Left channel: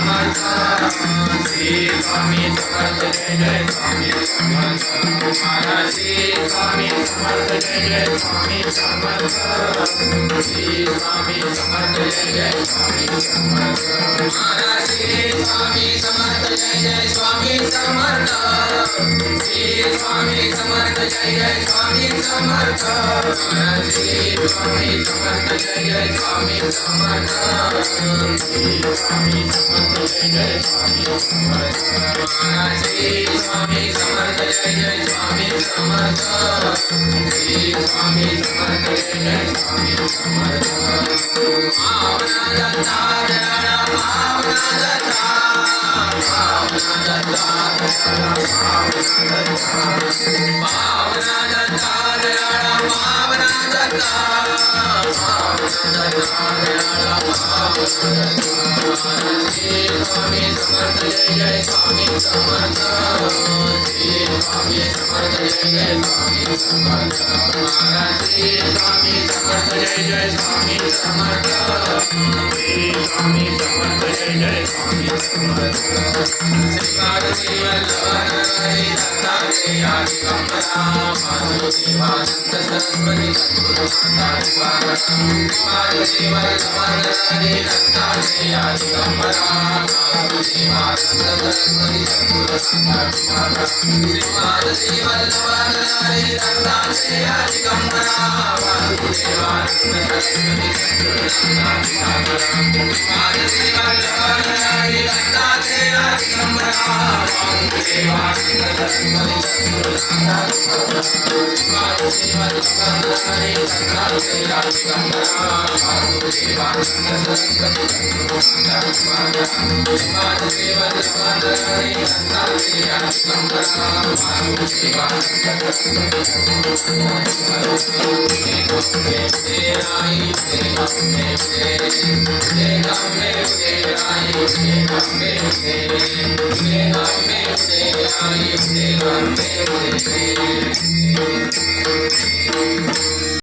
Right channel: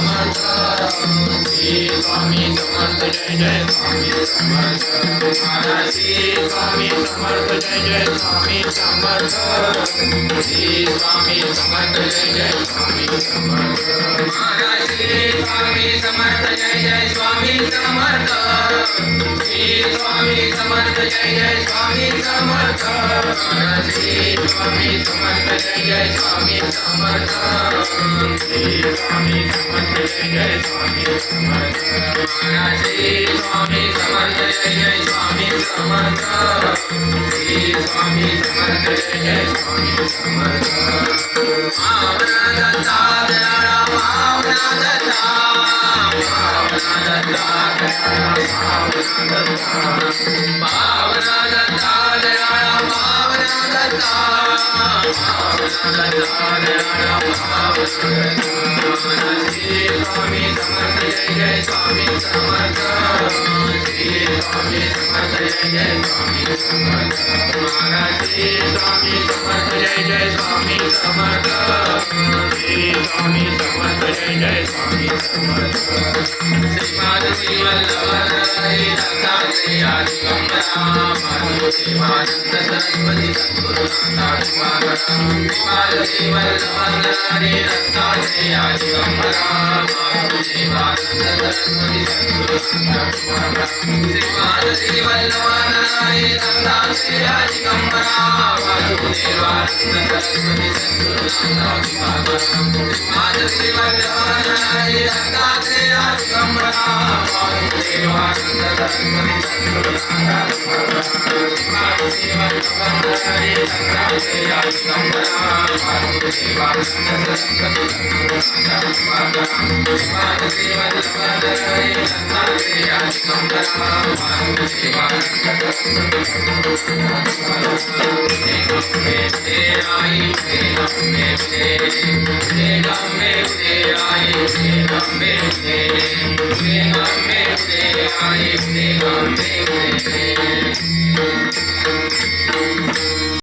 समर्थ श्री स्वामी समर्थ जय जय स्वामी समर्थ महाराज श्री स्वामी समर्थ जय जय स्वामी समर्थ श्री स्वामी समर्थ जय जय स्वामी समर्थ महाराज श्री स्वामी समर्थ जय जय स्वामी समर्थ श्री स्वामी समर्थ जय जय स्वामी समर्थ महाराज श्री स्वामी समर्थ जय जय स्वामी समर्थ श्री स्वामी समर्थ जय जय स्वामी समर्थ महाराज श्री स्वामी समर्थ जय जय स्वामी समर्थ श्री स्वामी समर्थ जय जय स्वामी समर्थ पावना दत्ता पावना दत्ता पावना दत्ता पावना दत्ता पावना दत्ता श्री स्वामी समर्थ जय जय स्वामी समर्थ श्री स्वामी समर्थ जय जय स्वामी समर्थ महाराज श्री स्वामी समर्थ जय जय स्वामी समर्थ श्री स्वामी समर्थ जय जय स्वामी समर्थ श्रीपाद श्री वल्लभ हरि दत्तात्रेय दिगंबरा माधुदेवानंद सरस्वती सद्गुरु माता दिगंबरा श्रीपाद श्री वल्लभ हरि दत्तात्रेय दिगंबरा माधुदेवानंद सरस्वती सद्गुरु माता दिगंबरा श्रीपाद श्री वल्लभ हरि दत्तात्रेय दिगंबरा माधुदेवानंद सरस्वती सद्गुरु माता दिगंबरा श्रीपाद श्री वल्लभ हरि दत्तात्रेय दिगंबरा माधुदेवानंद सरस्वती सद्गुरु माता दिगंबरा श्रीपाद श्री वल्लभ हरि दत्तात्रेय दिगंबरा माधुदेवानंद सरस्वती सद्गुरु माता दिगंबरा श्रीपाद श्री वल्लभ हरि दत्तात्रेय दिगंबरा माधुदेवानंद सरस्वती सद्गुरु माता दिगंबरा